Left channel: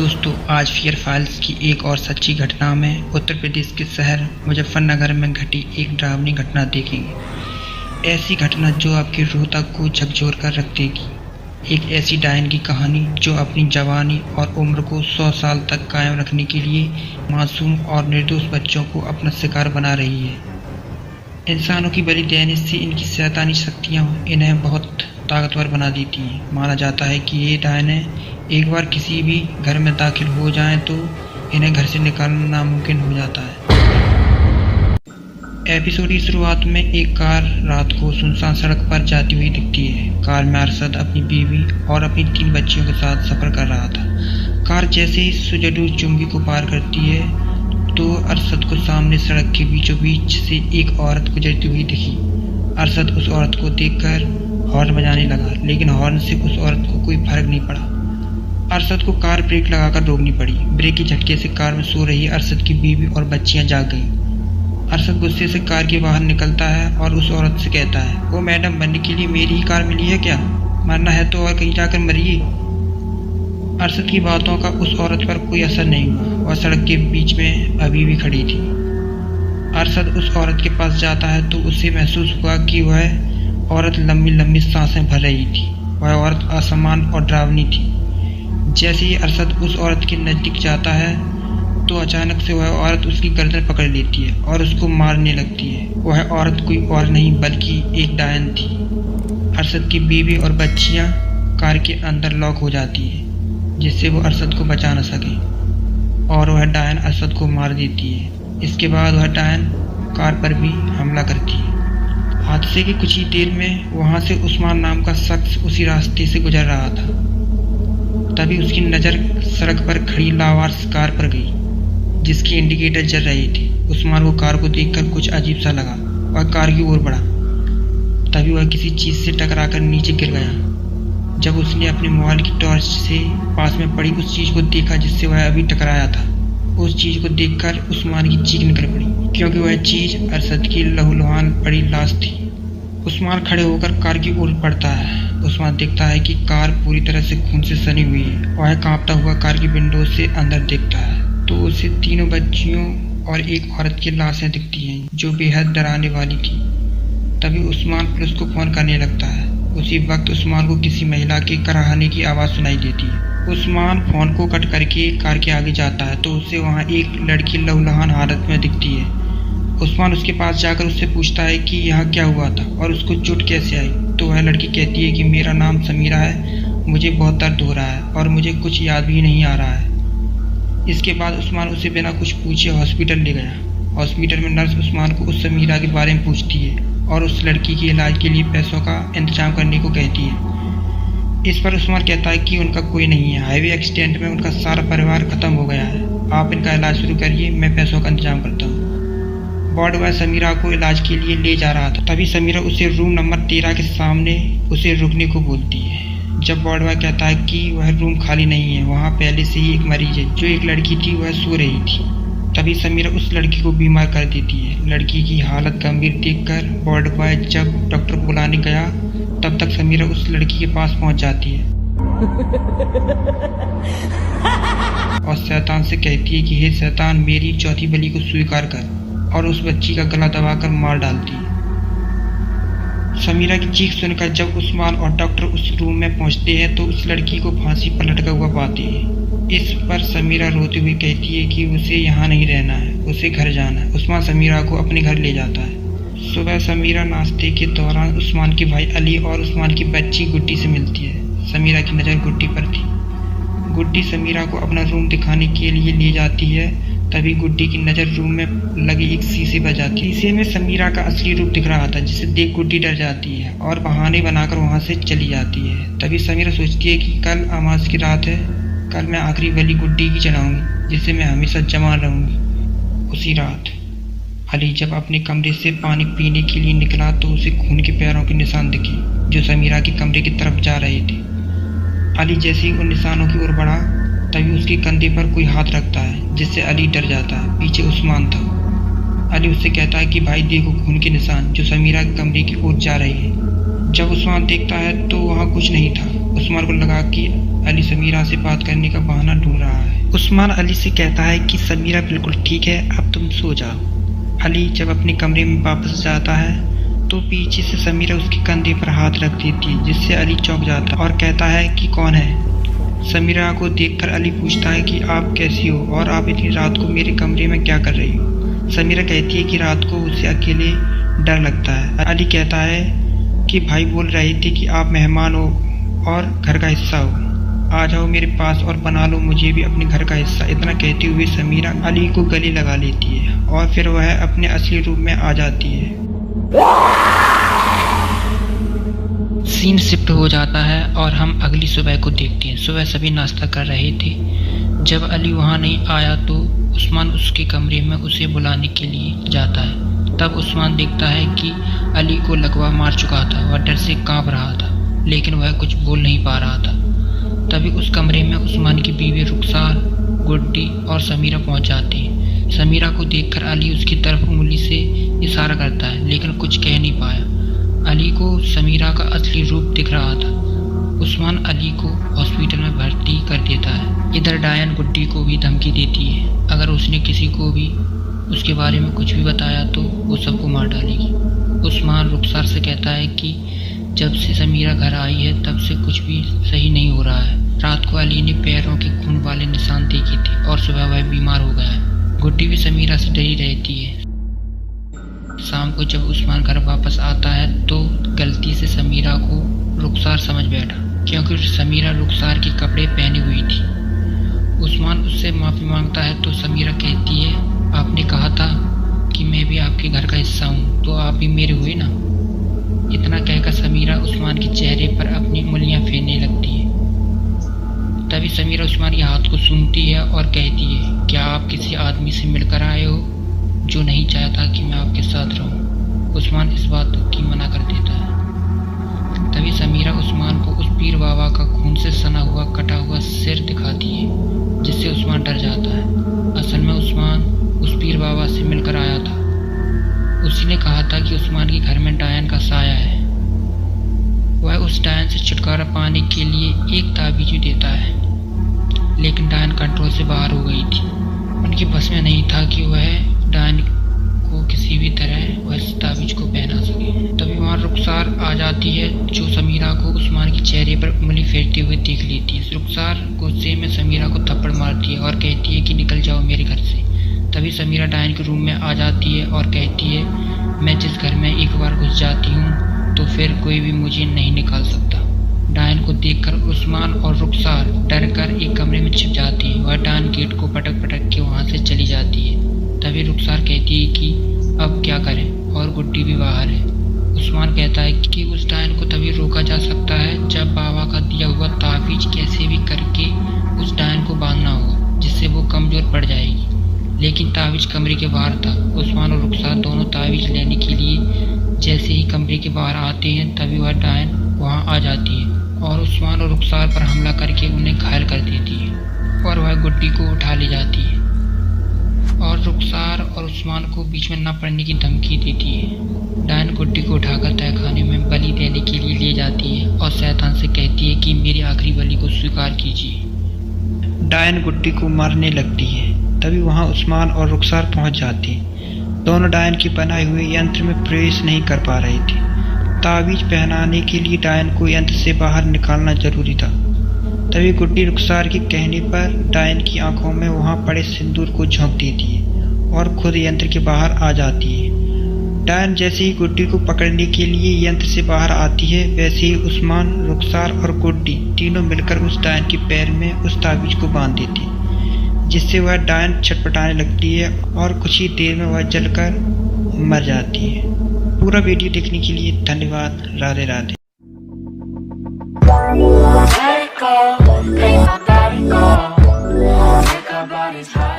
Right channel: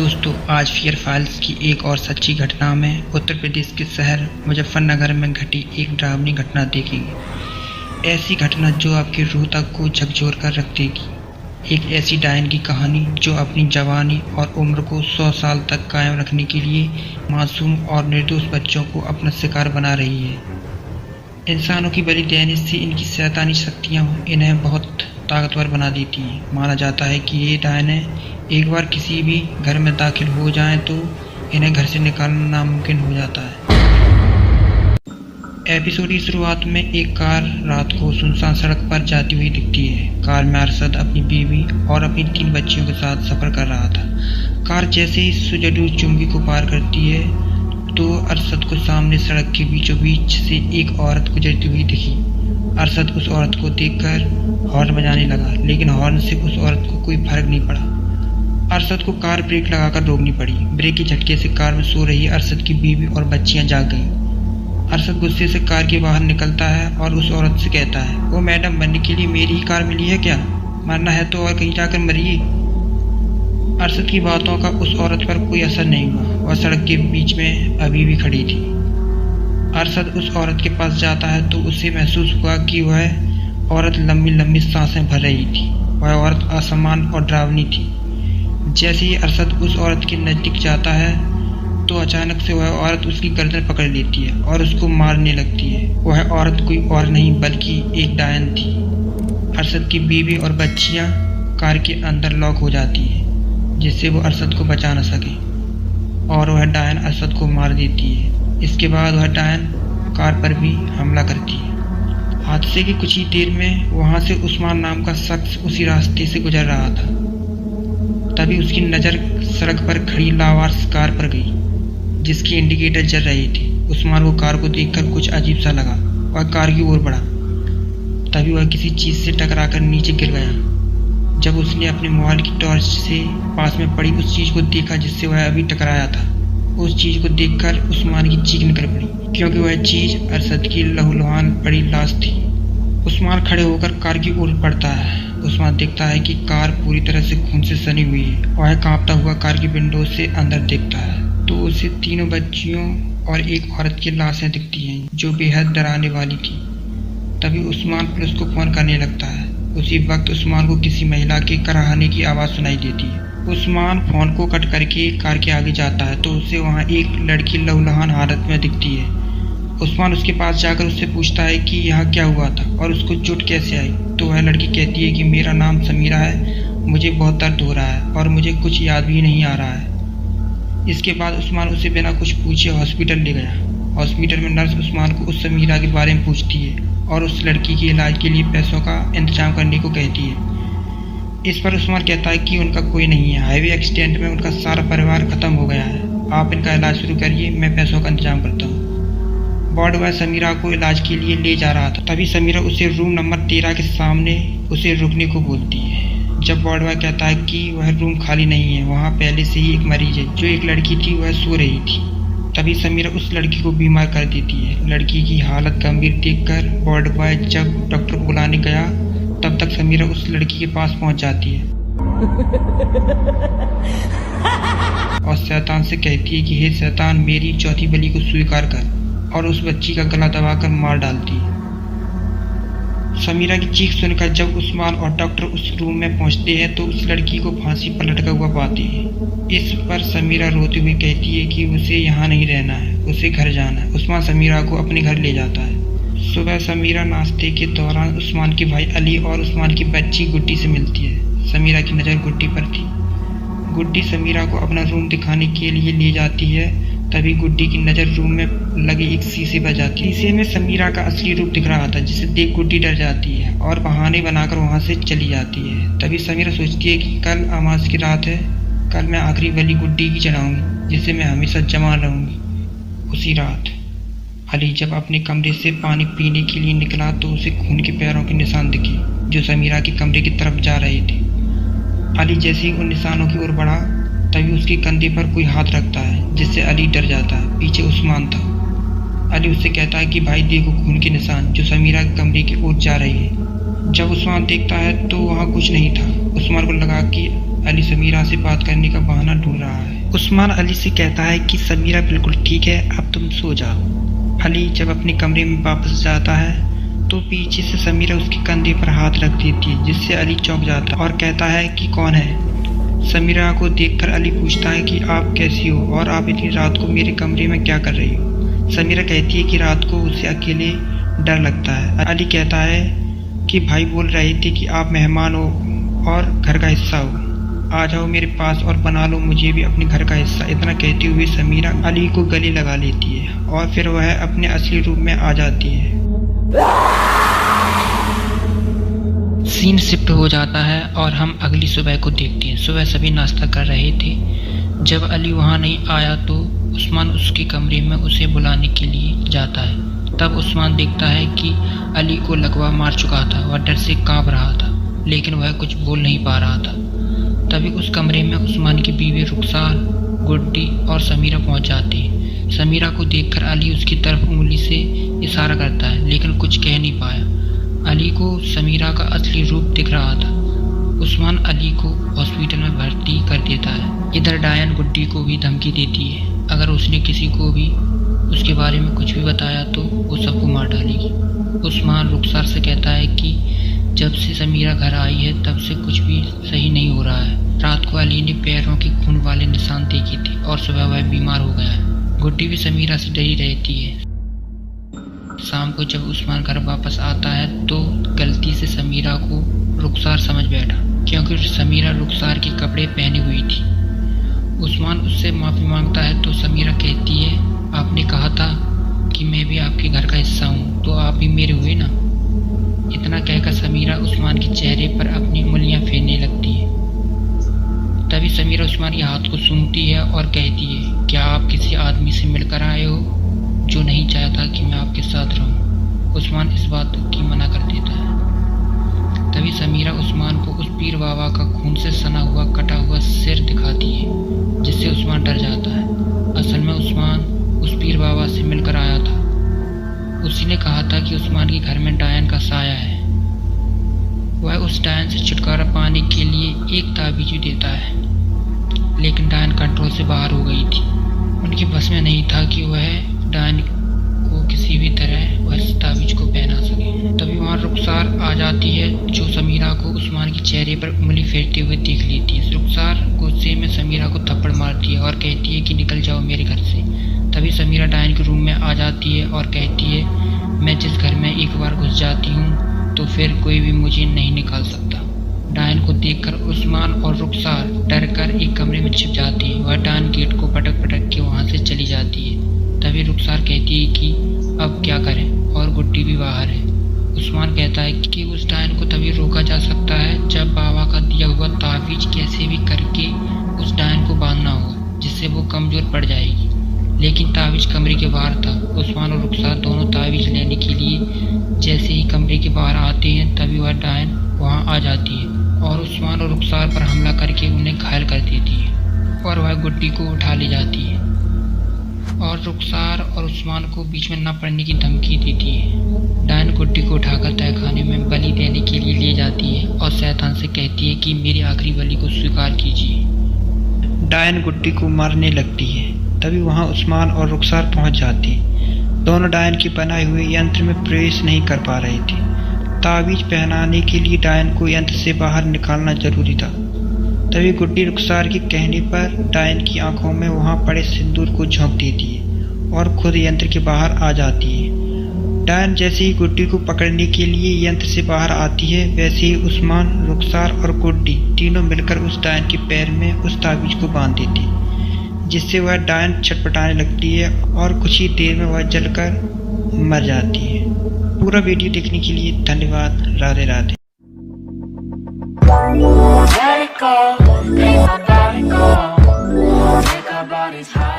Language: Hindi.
दोस्तों, आज फियर फाइल्स की एक और सच्ची घटना में उत्तर प्रदेश के शहर मुजफ्फरनगर में घटी एक डरावनी घटना देखेंगे। ऐसी घटना जो आपकी रूह तक को झकझोर कर रख देगी। एक ऐसी डायन की कहानी जो अपनी जवानी और उम्र को 100 साल तक कायम रखने के लिए मासूम और निर्दोष बच्चों को अपना शिकार बना रही है। इंसानों की बलि देने से इनकी शैतानी शक्तियाँ इन्हें बहुत ताकतवर बना देती हैं। माना जाता है कि ये डायनें एक बार किसी भी घर में दाखिल हो जाएं तो इन्हें घर से निकालना नामुमकिन हो जाता है। एपिसोड की शुरुआत में एक कार रात को सुनसान सड़क पर जाती हुई दिखती है। कार में अरशद अपनी बीवी और अपनी 3 बच्चियों के साथ सफ़र कर रहा था। कार जैसे ही सुजडू चुंगी को पार करती है तो अरशद को सामने सड़क के बीचों बीच से एक औरत गुजरती हुई दिखी। अरशद उस औरत को देखकर हॉर्न बजाने लगा, लेकिन हॉर्न से उस औरत को कोई फर्क नहीं पड़ा। अरशद को कार ब्रेक लगाकर रोकनी पड़ी। ब्रेक के झटके से कार में सो रही अरशद की बीवी और बच्चियां जाग गईं। अरशद गुस्से से कार के बाहर निकलता है और उस औरत से कहता है, "ओ मैडम, मरने के लिए मेरी ही कार मिली है क्या? मरना है तो और कहीं जाकर मरिए।" अरशद की बातों का उस औरत पर कोई असर नहीं हुआ। वह सड़क के बीच में अभी भी खड़ी थी। अरशद उस औरत के पास जाता है तो उसे महसूस हुआ कि वह औरत लंबी लंबी सांसें भर रही थी। वह औरत असमान और डरावनी थी। जैसे ही अरशद उस औरत के नज़दीक जाता है तो अचानक से वह औरत उसकी गर्दन पकड़ लेती है और उसको मारने लगती है। वह औरत कोई और नहीं बल्कि एक डायन थी। अरशद की बीवी और बच्चियां कार के अंदर लॉक हो जाती है, जिससे वो अरशद को बचा न सके, और वह डायन अरशद को मार देती है। इसके बाद वह डायन कार पर भी हमला करती है। हादसे की कुछ ही देर में वहाँ से उस्मान नाम का शख्स उसी रास्ते से गुजर रहा था। तभी उसकी नज़र सड़क पर खड़ी लावारिस कार पर गई, जिसकी इंडिकेटर जल रही थी। उस्मान को कार को देखकर कुछ अजीब सा लगा। वह कार की ओर बढ़ा। तभी वह किसी चीज़ से टकराकर नीचे गिर गया। जब उसने अपने मोबाइल की टॉर्च से पास में पड़ी उस चीज़ को देखा जिससे वह अभी टकराया था, उस चीज़ को देखकर उस्मान की चीख निकल पड़ी, क्योंकि वह चीज़ अरशद की लहूलुहान पड़ी लाश थी। उस्मान खड़े होकर कार की ओर बढ़ता है। उस्मान देखता है कि कार पूरी तरह से खून से सनी हुई है। वह कांपता हुआ कार की विंडो से अंदर देखता है तो उसे 3 बच्चियों और एक औरत की लाशें दिखती हैं जो बेहद डराने वाली थी। तभी उस्मान पुलिस को फ़ोन करने लगता है। उसी वक्त उस्मान को किसी महिला के कराहने की आवाज़ सुनाई देती है। उस्मान फ़ोन को कट करके कार के आगे जाता है तो उसे वहाँ एक लड़की लहूलुहान हालत में दिखती है। उस्मान उसके पास जाकर उससे पूछता है कि यहाँ क्या हुआ था और उसको चोट कैसे आई। तो वह लड़की कहती है कि मेरा नाम समीरा है, मुझे बहुत दर्द हो रहा है और मुझे कुछ याद भी नहीं आ रहा है। इसके बाद उस्मान उसे बिना कुछ पूछे हॉस्पिटल ले गया। हॉस्पिटल में नर्स उस्मान को उस समीरा के बारे में पूछती है और उस लड़की के इलाज के लिए पैसों का इंतजाम करने को कहती है। इस पर उस्मान कहता है कि उनका कोई नहीं है, हाईवे एक्सीडेंट में उनका सारा परिवार ख़त्म हो गया है। आप इनका इलाज शुरू करिए, मैं पैसों का इंतजाम करता हूँ। वार्ड बॉय समीरा को इलाज के लिए ले जा रहा था। तभी समीरा उसे रूम नंबर 13 के सामने उसे रुकने को बोलती है। जब वार्ड बॉय कहता है कि वह रूम खाली नहीं है, वहाँ पहले से ही एक मरीज है। जो एक लड़की थी वह सो रही थी। तभी समीरा उस लड़की को बीमार कर देती है। लड़की की हालत गंभीर देखकर वार्ड बॉय जब डॉक्टर को बुलाने गया तब तक समीरा उस लड़की के पास पहुँच जाती है और शैतान से कहती है कि हे शैतान, मेरी चौथी बलि को स्वीकार कर, और उस बच्ची का गला दबाकर मार डालती है। समीरा की चीख सुनकर जब उस्मान और डॉक्टर उस रूम में पहुंचते हैं तो उस लड़की को फांसी पर लटका हुआ पाते हैं। इस पर समीरा रोते हुए कहती है कि उसे यहाँ नहीं रहना है, उसे घर जाना है। उस्मान समीरा को अपने घर ले जाता है। सुबह समीरा नाश्ते के दौरान उस्मान के भाई अली और उस्मान की बच्ची गुड्डी से मिलती है। समीरा की नज़र गुड्डी पर थी। गुड्डी समीरा को अपना रूम दिखाने के लिए ले जाती है। तभी गुड्डी की नज़र रूम में लगे एक शीशे पर जाती है। शीशे में समीरा का असली रूप दिख रहा था, जिसे देख गुड्डी डर जाती है और बहाने बनाकर वहाँ से चली जाती है। तभी समीरा सोचती है कि कल अमावस की रात है, कल मैं आखिरी बलि गुड्डी की चढ़ाऊँगी, जिससे मैं हमेशा जवान रहूँगी। उसी रात अली जब अपने कमरे से पानी पीने के लिए निकला तो उसे खून के पैरों के निशान दिखे जो समीरा के कमरे की तरफ जा रहे थे। अली जैसे ही उन निशानों की ओर बढ़ा तभी उसके कंधे पर कोई हाथ रखता है, जिससे अली डर जाता है। पीछे उस्मान था। अली उससे कहता है कि भाई देखो खून के निशान जो समीरा के कमरे की ओर जा रही है। जब उस्मान देखता है तो वहाँ कुछ नहीं था। उस्मान को लगा कि अली समीरा से बात करने का बहाना ढूंढ रहा है। उस्मान अली से कहता है कि समीरा बिल्कुल ठीक है, अब तुम सो जाओ। अली जब अपने कमरे में वापस जाता है तो पीछे से समीरा उसके कंधे पर हाथ रख देती है, जिससे अली चौंक जाता है और कहता है कि कौन है। समीरा को देखकर अली पूछता है कि आप कैसी हो और आप इतनी रात को मेरे कमरे में क्या कर रही हो। समीरा कहती है कि रात को उसे अकेले डर लगता है। अली कहता है कि भाई बोल रहे थे कि आप मेहमान हो और घर का हिस्सा हो, आ जाओ मेरे पास और बना लो मुझे भी अपने घर का हिस्सा। इतना कहते हुए समीरा अली को गले लगा लेती है और फिर वह अपने असली रूप में आ जाती है। सीन शिफ्ट हो जाता है और हम अगली सुबह को देखते हैं। सुबह सभी नाश्ता कर रहे थे। जब अली वहाँ नहीं आया तो उस्मान उसके कमरे में उसे बुलाने के लिए जाता है। तब उस्मान देखता है कि अली को लकवा मार चुका था। वह डर से कांप रहा था, लेकिन वह कुछ बोल नहीं पा रहा था। तभी उस कमरे में उस्मान की बीवी रुखसार, गुड्डी और समीरा पहुंच जाती है। समीरा को देखकर अली उसकी तरफ उंगली से इशारा करता है, लेकिन कुछ कह नहीं पाया। अली को समीरा का असली रूप दिख रहा था। उस्मान अली को हॉस्पिटल में भर्ती कर देता है। इधर डायन गुड्डी को भी धमकी देती है, अगर उसने किसी को भी उसके बारे में कुछ भी बताया तो वो सबको मार डालेगी। उस्मान रुखसार से कहता है कि जब से समीरा घर आई है तब से कुछ भी सही नहीं हो रहा है। रात को अली ने पैरों के खून वाले निशान देखे थे और सुबह वह बीमार हो गया है। गुड्डी भी समीरा से डरी रहती है। शाम को जब उस्मान घर वापस आता है तो गलती से समीरा को रुखसार समझ बैठा, क्योंकि समीरा रुखसार के कपड़े पहनी हुई थी। उस्मान उससे माफ़ी मांगता है तो समीरा कहती है, आपने कहा था कि मैं भी आपके घर का हिस्सा हूँ, तो आप भी मेरे हुए ना। इतना कहकर समीरा उस्मान के चेहरे पर अपनी उंगलियां फेरने लगती है। तभी समीरा उस्मान के हाथ को सूंघती है और कहती है, क्या आप किसी आदमी से मिलकर आए हो जो नहीं चाहता कि मैं आपके साथ रहूं? उस्मान इस बात की मना कर देता है। तभी समीरा उस्मान को उस पीर बाबा का खून से सना हुआ कटा हुआ सिर दिखाती है, जिससे उस्मान डर जाता है। असल में उस्मान उस पीर बाबा से मिलकर आया था। उसी ने कहा था कि उस्मान के घर में डायन का साया है। वह उस डायन से छुटकारा पाने के लिए एक ताबीज भी देता है, लेकिन डायन कंट्रोल से बाहर हो गई थी। उनके बस में नहीं था कि वह डायन को किसी भी तरह वह इस ताबीज को पहना सके। तभी वहाँ रुखसार आ जाती है, जो समीरा को उस्मान के चेहरे पर उंगली फेरते हुए देख लेती है। रुखसार गुस्से में समीरा को थप्पड़ मारती है और कहती है कि निकल जाओ मेरे घर से। तभी समीरा डायन के रूम में आ जाती है और कहती है, मैं जिस घर में एक बार घुस जाती हूँ तो फिर कोई भी मुझे नहीं निकाल सकता। डायन को देखकर उस्मान और रुखसार डर कर एक कमरे में छिप जाती है। वह डायन गेट को पटक पटक के वहाँ से चली जाती है। तभी रुखसार कहती है कि अब क्या करें, और गुड्डी भी बाहर है। उस्मान कहता है कि उस डायन को तभी रोका जा सकता है जब बाबा का दिया हुआ ताबीज कैसे भी करके उस डायन को बांधना होगा, जिससे वो कमजोर पड़ जाएगी। लेकिन ताबीज कमरे के बाहर था। उस्मान और रुखसार दोनों ताबीज लेने के लिए जैसे ही कमरे के बाहर आते हैं तभी वह डायन वहां आ जाती है और उस्मान और रुखसार पर हमला करके उन्हें घायल कर देती है और वह गुड्डी को उठा ले जाती है और रुखसार और उस्मान को बीच में न पड़ने की धमकी देती है। डायन गुड्डी को उठाकर तहखाने में बलि देने के लिए ले जाती है और शैतान से कहती है कि मेरी आखिरी बलि को स्वीकार कीजिए। डायन गुड्डी को मारने लगती है। तभी वहां उस्मान और रुखसार पहुंच जाते हैं। दोनों डायन के बनाए हुए यंत्र में प्रवेश नहीं कर पा रहे थे। ताबीज पहनाने के लिए डायन को यंत्र से बाहर निकालना जरूरी था। तभी गुड्डी रुखसार के कहने पर डायन की आंखों में वहां पड़े सिंदूर को झोंक देती है और खुद यंत्र के बाहर आ जाती है। डायन जैसे ही गुड्डी को पकड़ने के लिए यंत्र से बाहर आती है, वैसे ही उस्मान, रुखसार और गुड्डी तीनों मिलकर उस डायन के पैर में उस ताबीज को बांध देती है, जिससे वह डायन छटपटाने लगती है और कुछ ही देर में वह जलकर मर जाती है। पूरा वीडियो देखने के लिए धन्यवाद। Radhe Radhe. Let it go, make my body go, make our bodies high.